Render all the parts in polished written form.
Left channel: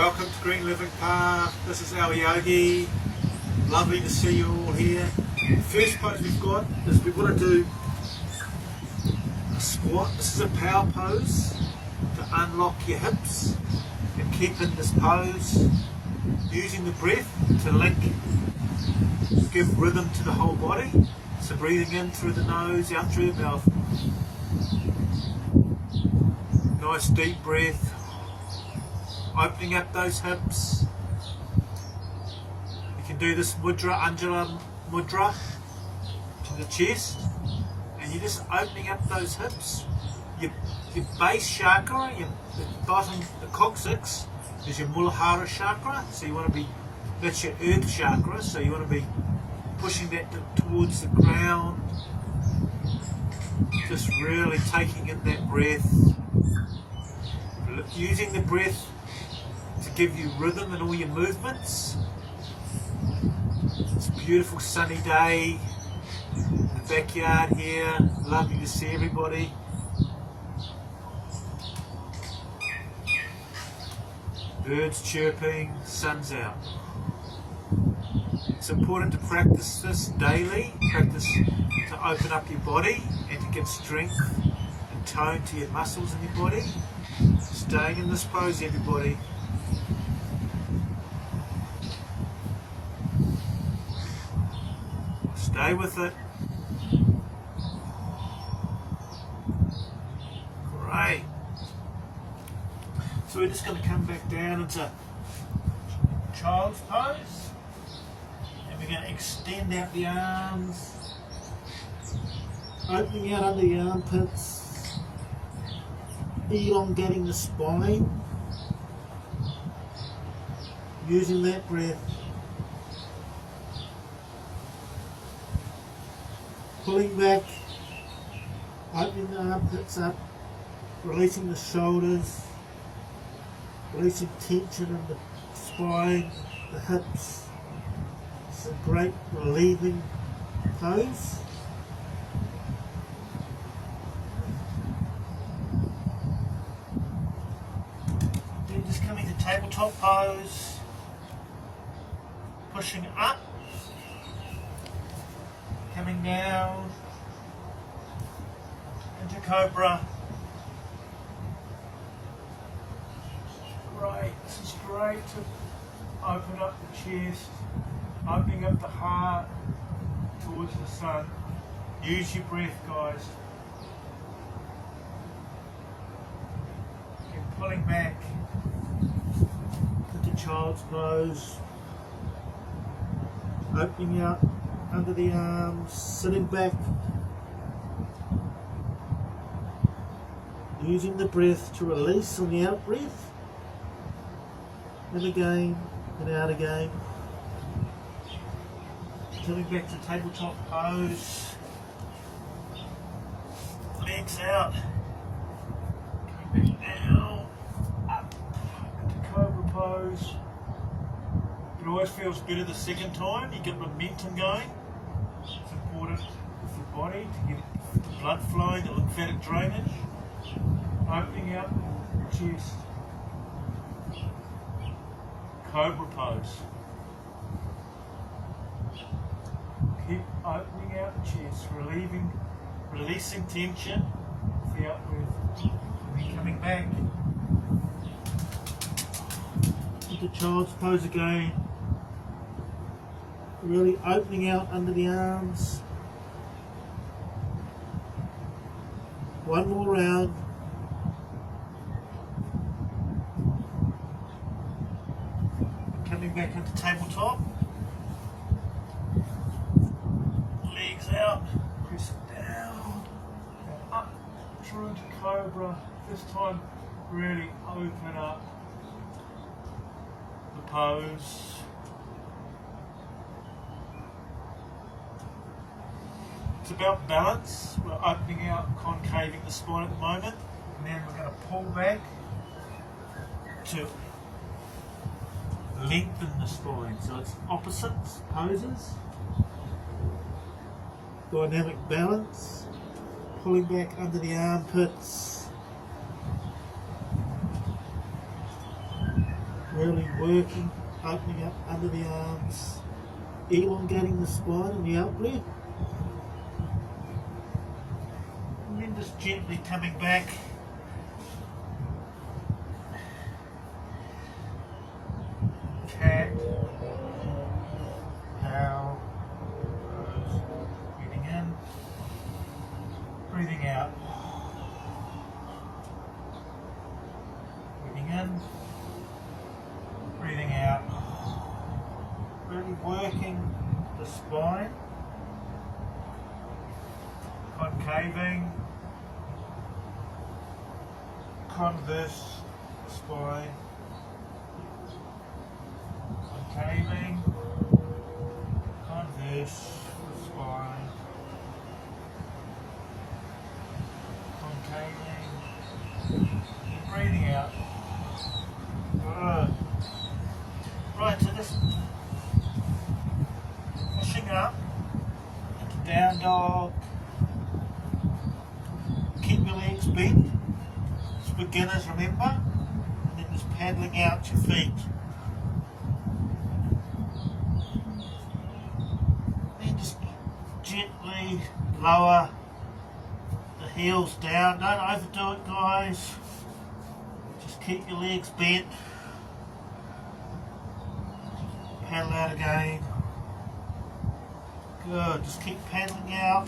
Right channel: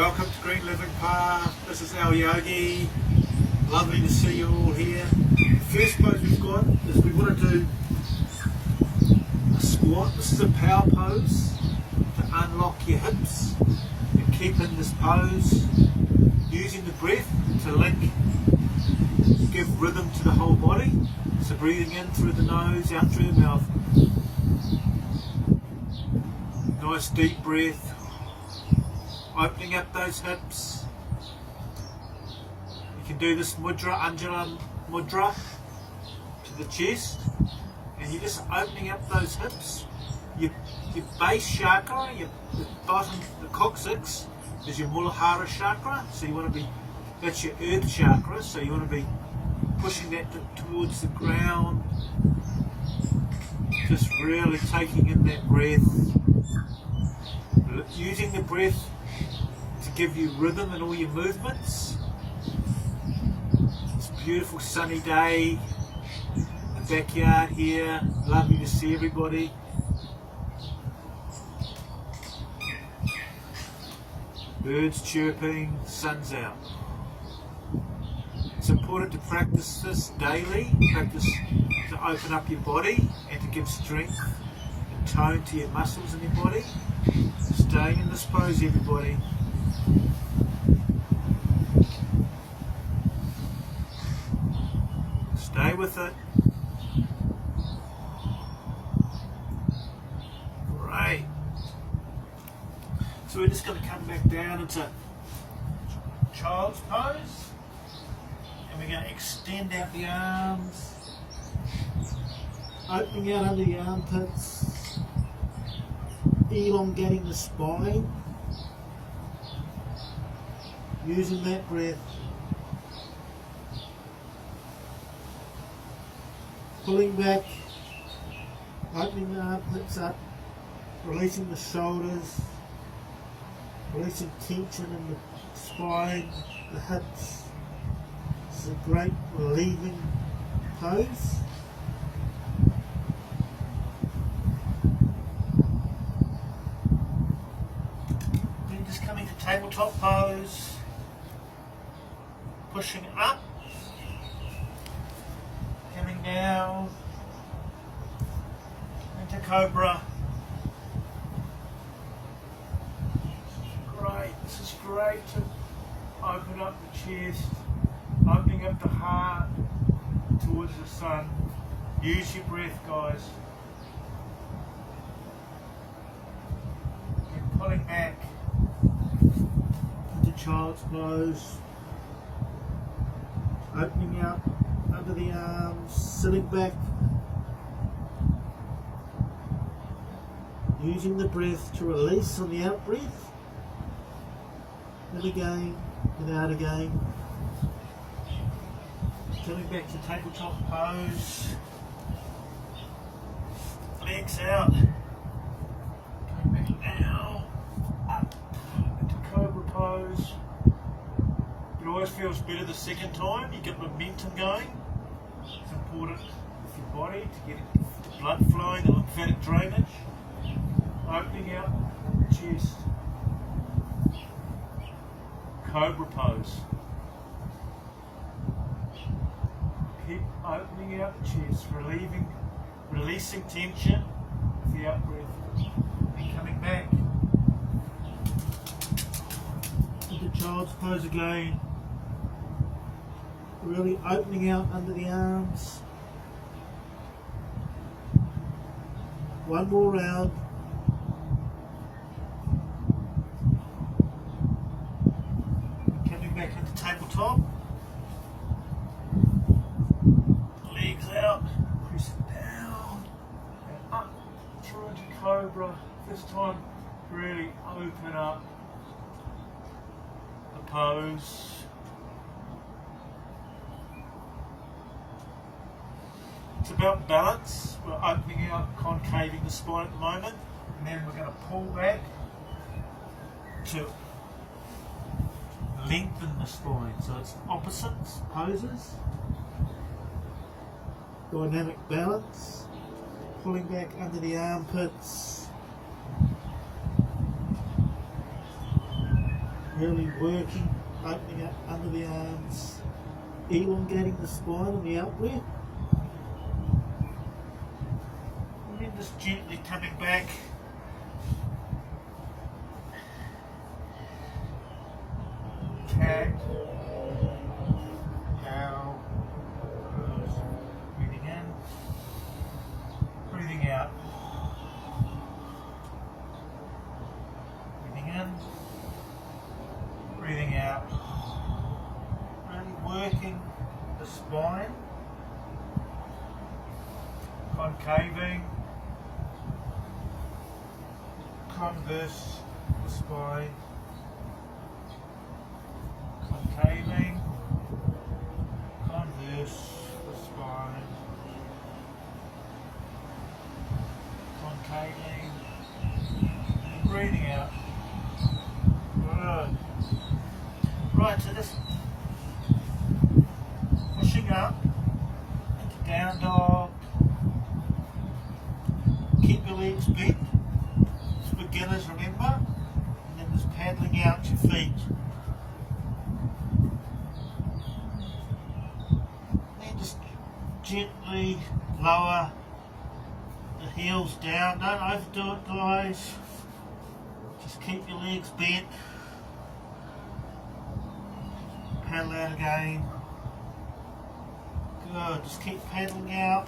Welcome to Green Living Path. This is Alyogi. Lovely to see you all here. The first pose we've got is we want to do a squat. This is a power pose to unlock your hips and keep in this pose, using the breath to give rhythm to the whole body. So breathing in through the nose, out through the mouth. Nice deep breath. Opening up those hips. You can do this mudra, Anjula mudra to the chest, and you're just opening up those hips. Your base chakra, the bottom, the coccyx, is your Muladhara chakra. So you want to be, that's your earth chakra. So you want to be pushing that towards the ground. Just really taking in that breath, using the breath to give you rhythm in all your movements. It's a beautiful sunny day in the backyard here. Lovely to see everybody. Birds chirping, sun's out. It's important to practice this daily, practice to open up your body and to give strength and tone to your muscles in your body. Staying in this pose, everybody. Stay with it. Great. So we're just going to come back down into child's pose. And we're going to extend out the arms. Opening out under the armpits. Elongating the spine. Using that breath. Pulling back, opening the armpits up, releasing the shoulders, releasing tension in the spine, the hips. It's a great relieving pose. Then just coming to tabletop pose, pushing up. Coming down into Cobra. Great, this is great. Open up the chest, opening up the heart towards the sun. Use your breath, guys. And pulling back into child's pose. Opening out under the arms, sitting back, using the breath to release on the out breath, in again and out again. Coming back to tabletop pose, legs out, coming back down, up into cobra pose. It always feels better the second time, you get momentum going. It's important with your body to get the blood flowing, the lymphatic drainage. Opening out chest. Cobra pose. Keep opening out chest, releasing tension with the out breath. Then coming back into child's pose again. Really opening out under the arms. One more round. Coming back into tabletop. Legs out. Press it down. And up through to Cobra. This time really open up the pose. It's about balance. We're opening out, concaving the spine at the moment, and then we're going to pull back to lengthen the spine. So it's opposite poses. Dynamic balance. Pulling back under the armpits. Really working, opening up under the arms, elongating the spine on the out breath. And then just gently coming back. Cat, cow, pose. Breathing in, breathing out. Breathing in, breathing out. Really working the spine, concaving, converse the spine, concaving, converse the spine, concaving, breathing out. Right, so just pushing up into down dog. Keep your legs bent. It's beginners, remember? And then just paddling out your feet. Then just gently lower the heels down. Don't overdo it, guys. Just keep your legs bent. Paddle out again. Good. Just keep paddling out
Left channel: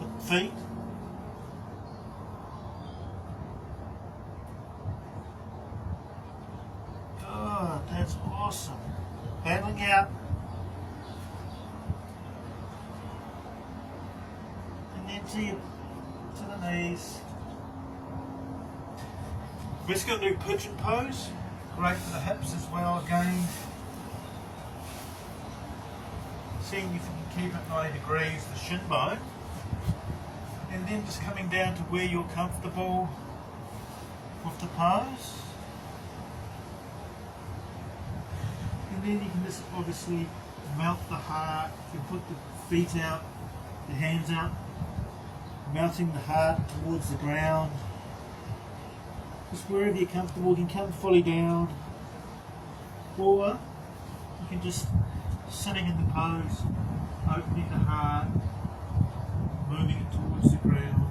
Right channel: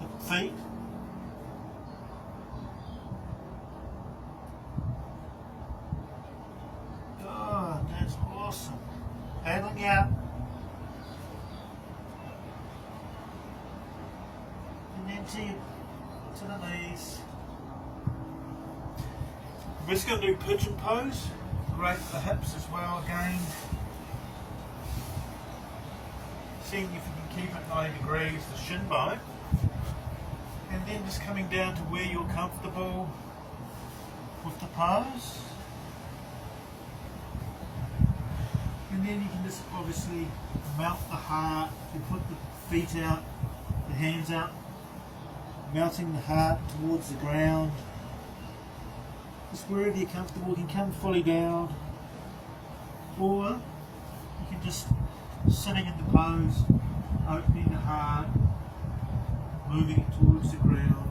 the feet. Good. That's awesome. Paddling out. And then to the knees. We're just going to do pigeon pose. Great for the hips as well again. Seeing if you can keep it 90 degrees, the shin bone, and then just coming down to where you're comfortable with the pose, and then you can just obviously melt the heart. You put the feet out, the hands out, melting the heart towards the ground. Just wherever you're comfortable. You can come fully down, or you can just sitting in the pose, opening the heart, moving it towards the ground.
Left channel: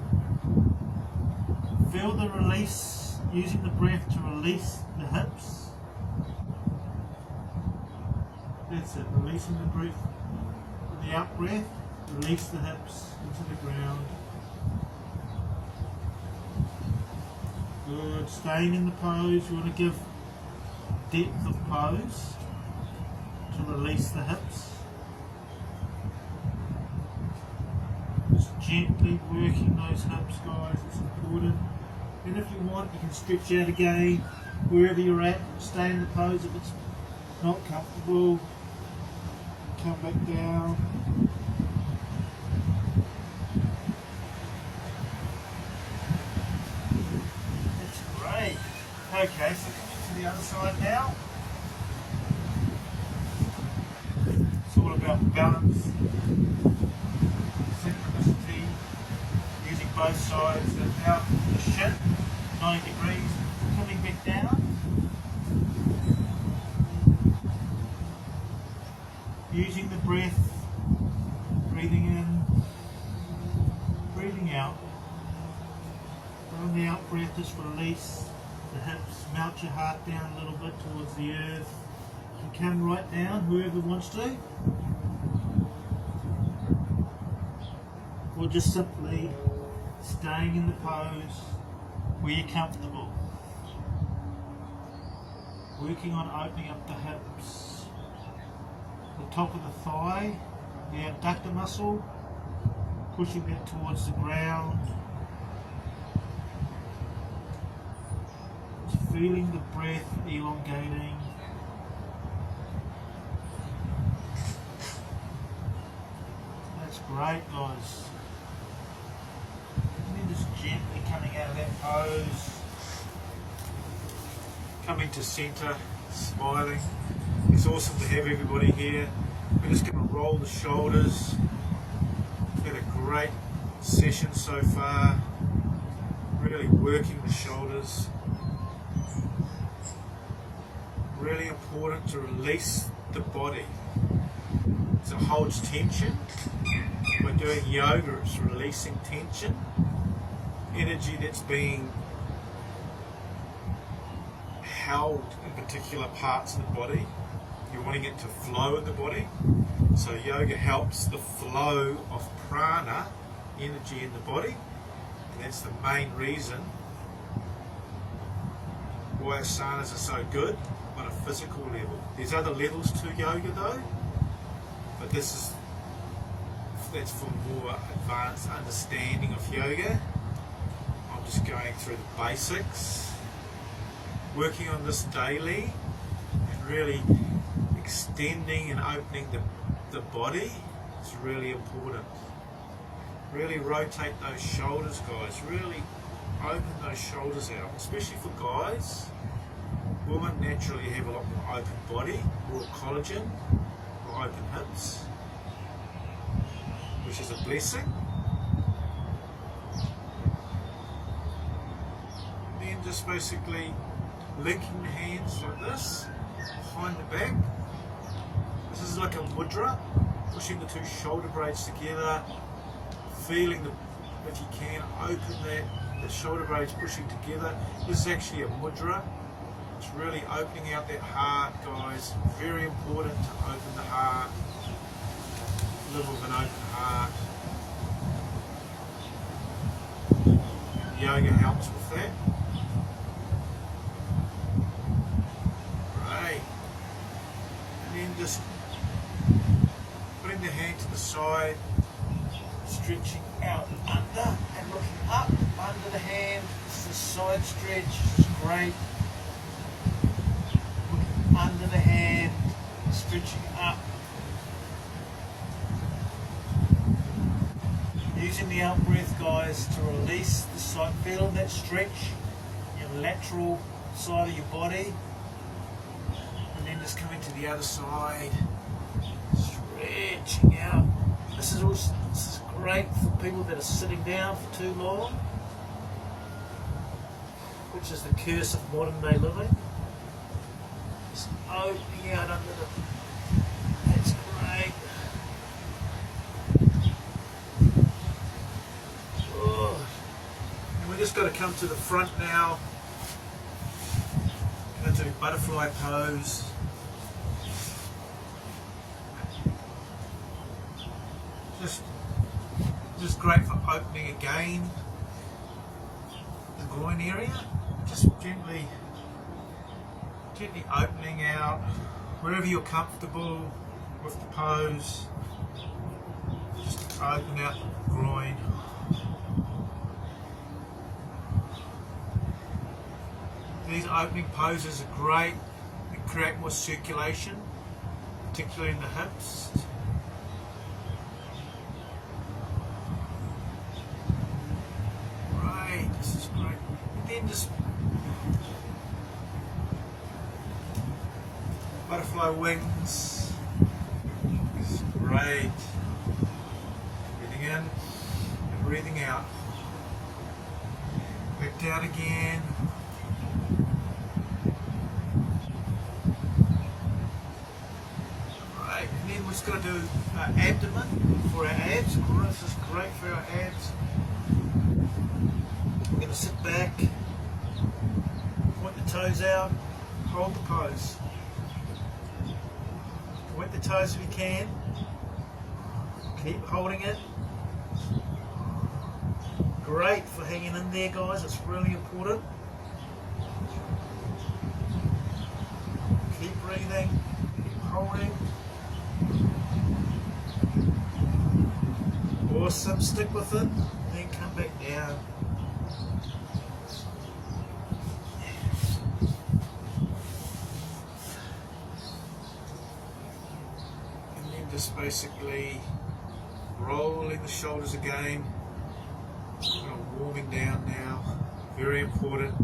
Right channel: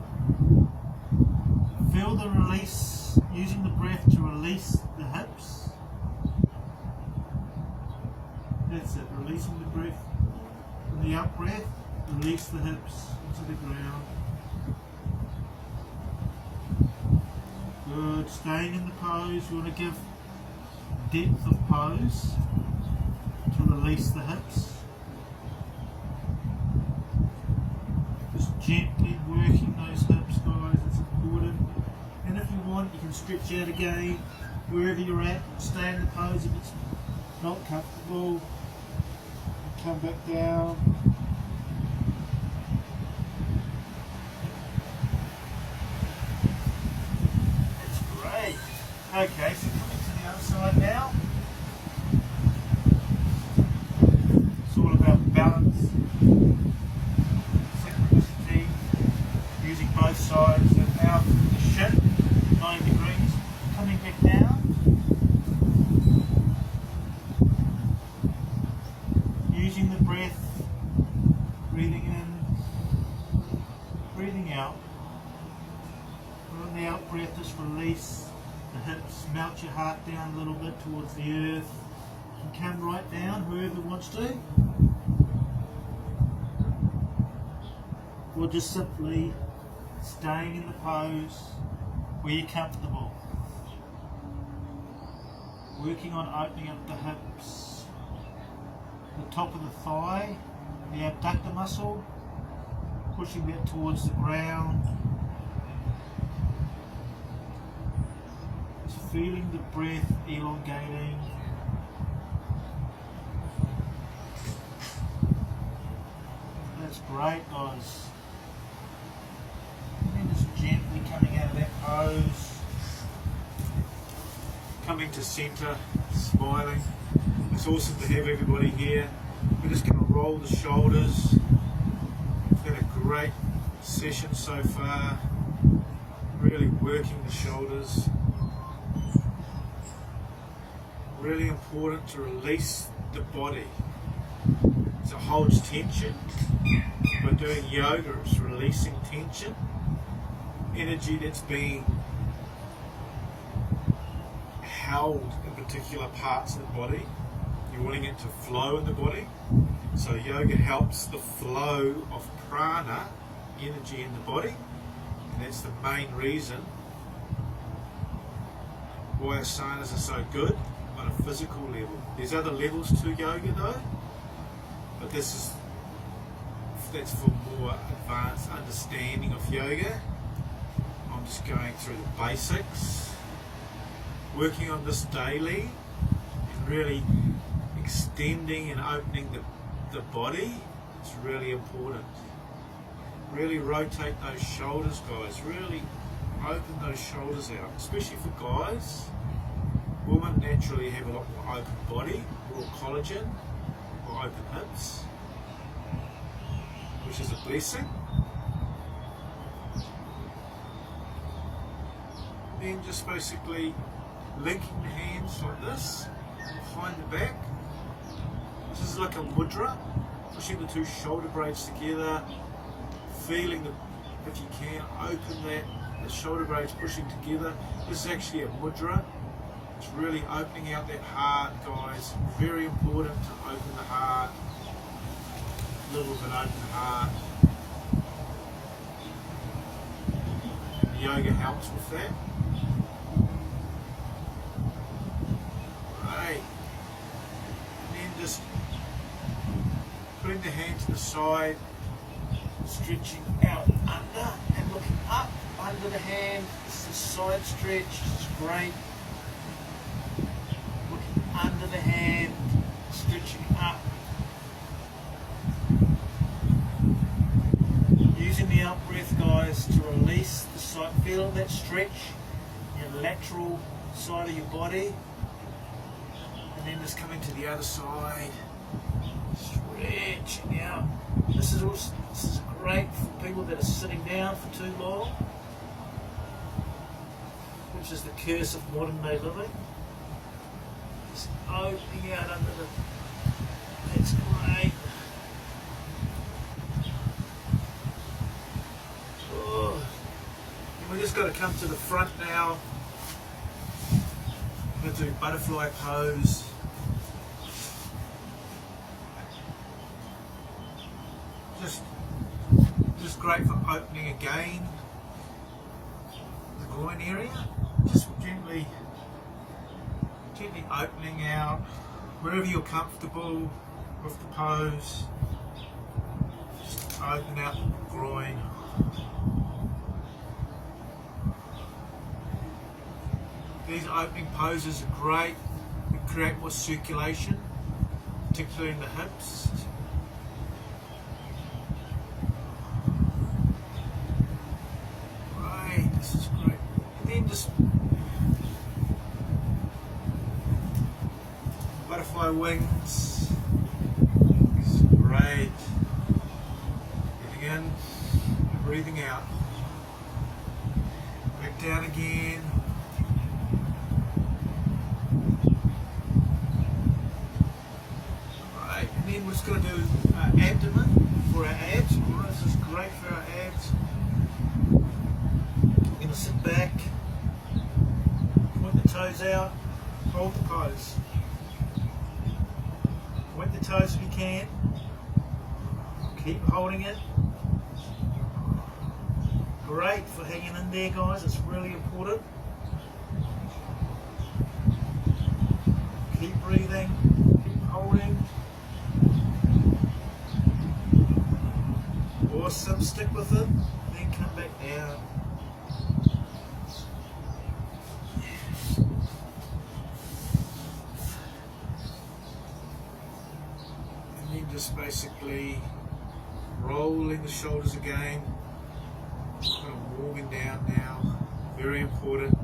Feel the release, using the breath to release the hips. That's it, releasing the breath. In the out breath, release the hips into the ground. Good, staying in the pose. You want to give depth of pose to release the hips. Just gently working those hips, guys, it's important. And if you want, you can stretch out again wherever you're at. Stay in the pose if it's not comfortable. And come back down. That's great. Okay, so coming to the other side now. Balance, synchronicity, using both sides and out the shin, 90 degrees, coming back down, using the breath, breathing in, breathing out. On the out breath, just release the hips, melt your heart down a little bit towards the earth, and come right down, whoever wants to. Or just simply staying in the pose where you're comfortable. Working on opening up the hips, the top of the thigh, the abductor muscle, pushing that towards the ground. Just feeling the breath elongating. That's great, guys. Gently coming out of that pose, coming to centre, smiling. It's awesome to have everybody here. We're just going to roll the shoulders. Had a great session so far, really working the shoulders, really important to release the body. So it holds tension. By doing yoga, it's releasing tension, energy that's being held in particular parts of the body. You're wanting it to flow in the body. So yoga helps the flow of prana, energy in the body. And that's the main reason why asanas are so good on a physical level. There's other levels to yoga though, but that's for more advanced understanding of yoga. I'm just going through the basics, working on this daily, and really extending and opening the body. It's really important. Really rotate those shoulders, guys. Really open those shoulders out, especially for guys. Women naturally have a lot more open body, more collagen, more open hips, which is a blessing. Then just basically linking the hands like this behind the back. This is like a mudra, pushing the two shoulder blades together, feeling if you can, open the shoulder blades pushing together. This is actually a mudra. It's really opening out that heart, guys. Very important to open the heart. Live with an open heart. Yoga helps with that. Right. And then just putting the hand to the side, stretching out and under, and looking up under the hand. This is a side stretch. It's great. Looking under the hand, stretching up. Using the out breath, guys, to release the side. Feel that stretch in your lateral side of your body, and then just coming to the other side, stretching out. This is great for people that are sitting down for too long, which is the curse of modern day living. Just opening out under the. That's great. We just got to come to the front now. Going to do a butterfly pose. Just great for opening again the groin area. Just gently opening out wherever you're comfortable with the pose. Just open out the groin. These opening poses are great. They create more circulation, particularly in the hips. Right, this is great. And then just butterfly wings. This is great. Breathing in and breathing out. Back down again. We're just going to do abdomen for our abs. This is great for our abs. We're going to sit back, point the toes out, hold the pose. Point the toes if you can. Keep holding it. Great for hanging in there, guys. It's really important. Keep breathing. Keep holding. Awesome, stick with it, then come back down. And then just basically rolling the shoulders again, kind of warming down now, very important.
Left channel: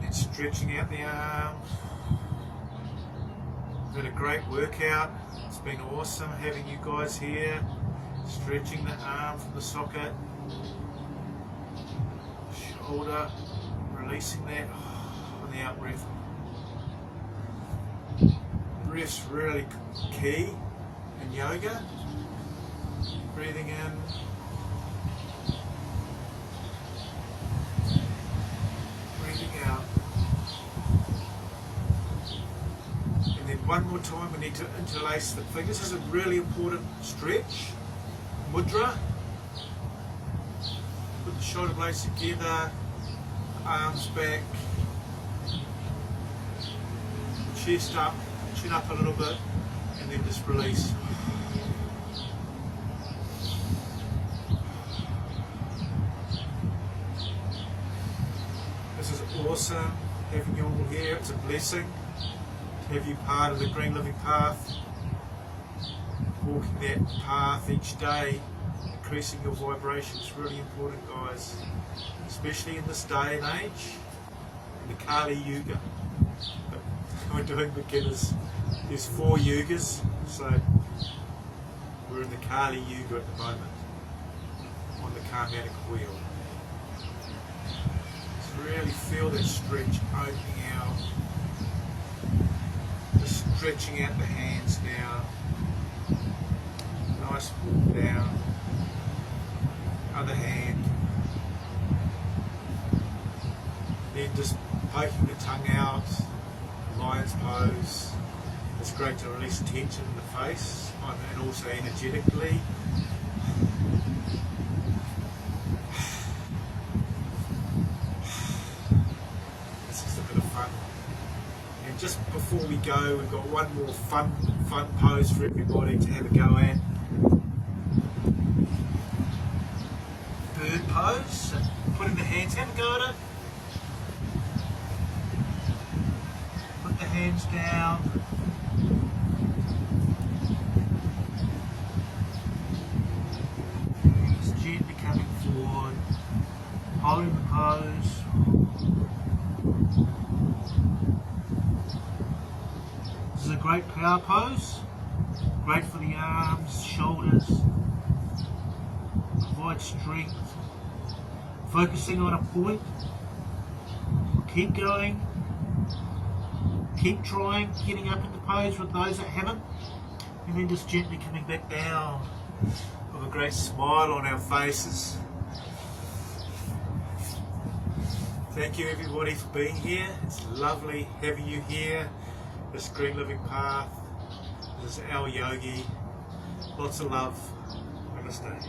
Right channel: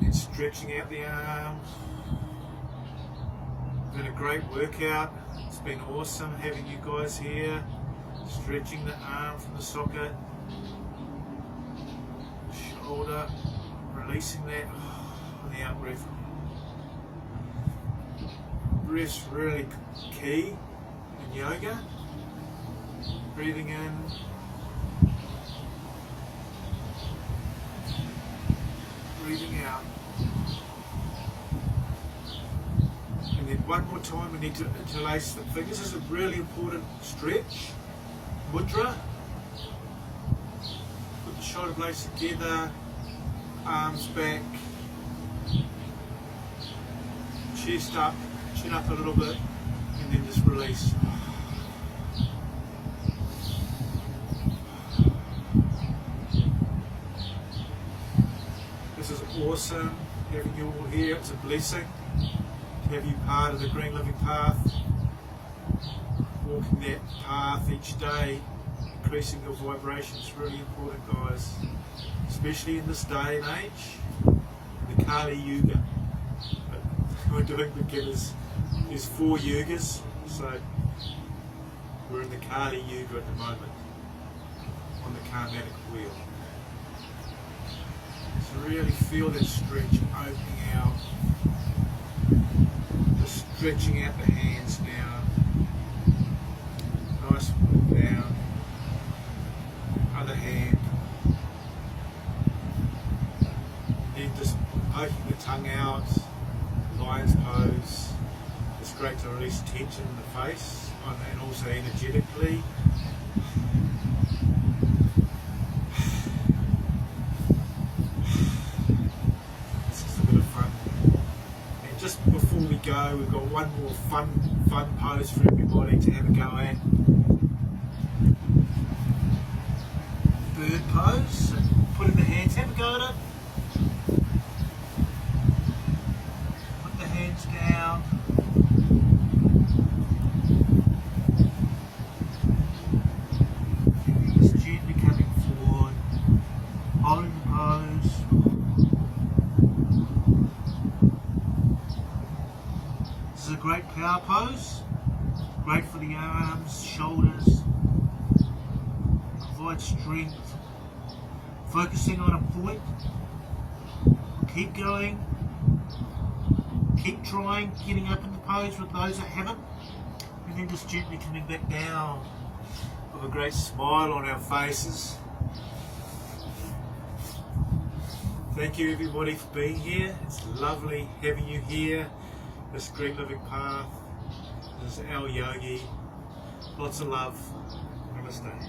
Then stretching out the arms. We've had a great workout. It's been awesome having you guys here. Stretching the arm from the socket. shoulder, releasing that on the out breath. Breath's really key in yoga. Breathing in, breathing out. And then one more time we need to interlace the fingers. This is a really important stretch. Mudra. Put the shoulder blades together, arms back, chest up, chin up a little bit, and then just release. This is awesome having you all here. It's a blessing to have you part of the Green Living Path, walking that path each day, increasing your vibration. It's really important, guys, especially in this day and age, in the Kali Yuga. But we're doing beginners. There's 4 yugas, so we're in the Kali Yuga at the moment, on the karmatic wheel. So really feel that stretch opening out, just stretching out the hands now. Nice walk down, other hand, and then just poking the tongue out, lion's pose. It's great to release tension in the face and also energetically. It's just a bit of fun. And just before we go, we've got one more fun pose for everybody to have a go at. Bird pose. So putting the hands, have a go at it. Put the hands down. Just gently coming forward, holding the pose. This is a great power pose. Great for the arms, shoulders. Provide strength. Focusing on a point. Keep going. Keep trying, getting up in the pose with those that haven't. And then just gently coming back down with a great smile on our faces. Thank you everybody for being here. It's lovely having you here. This Green Living Path. This is Alyogi. Lots of love. Namaste.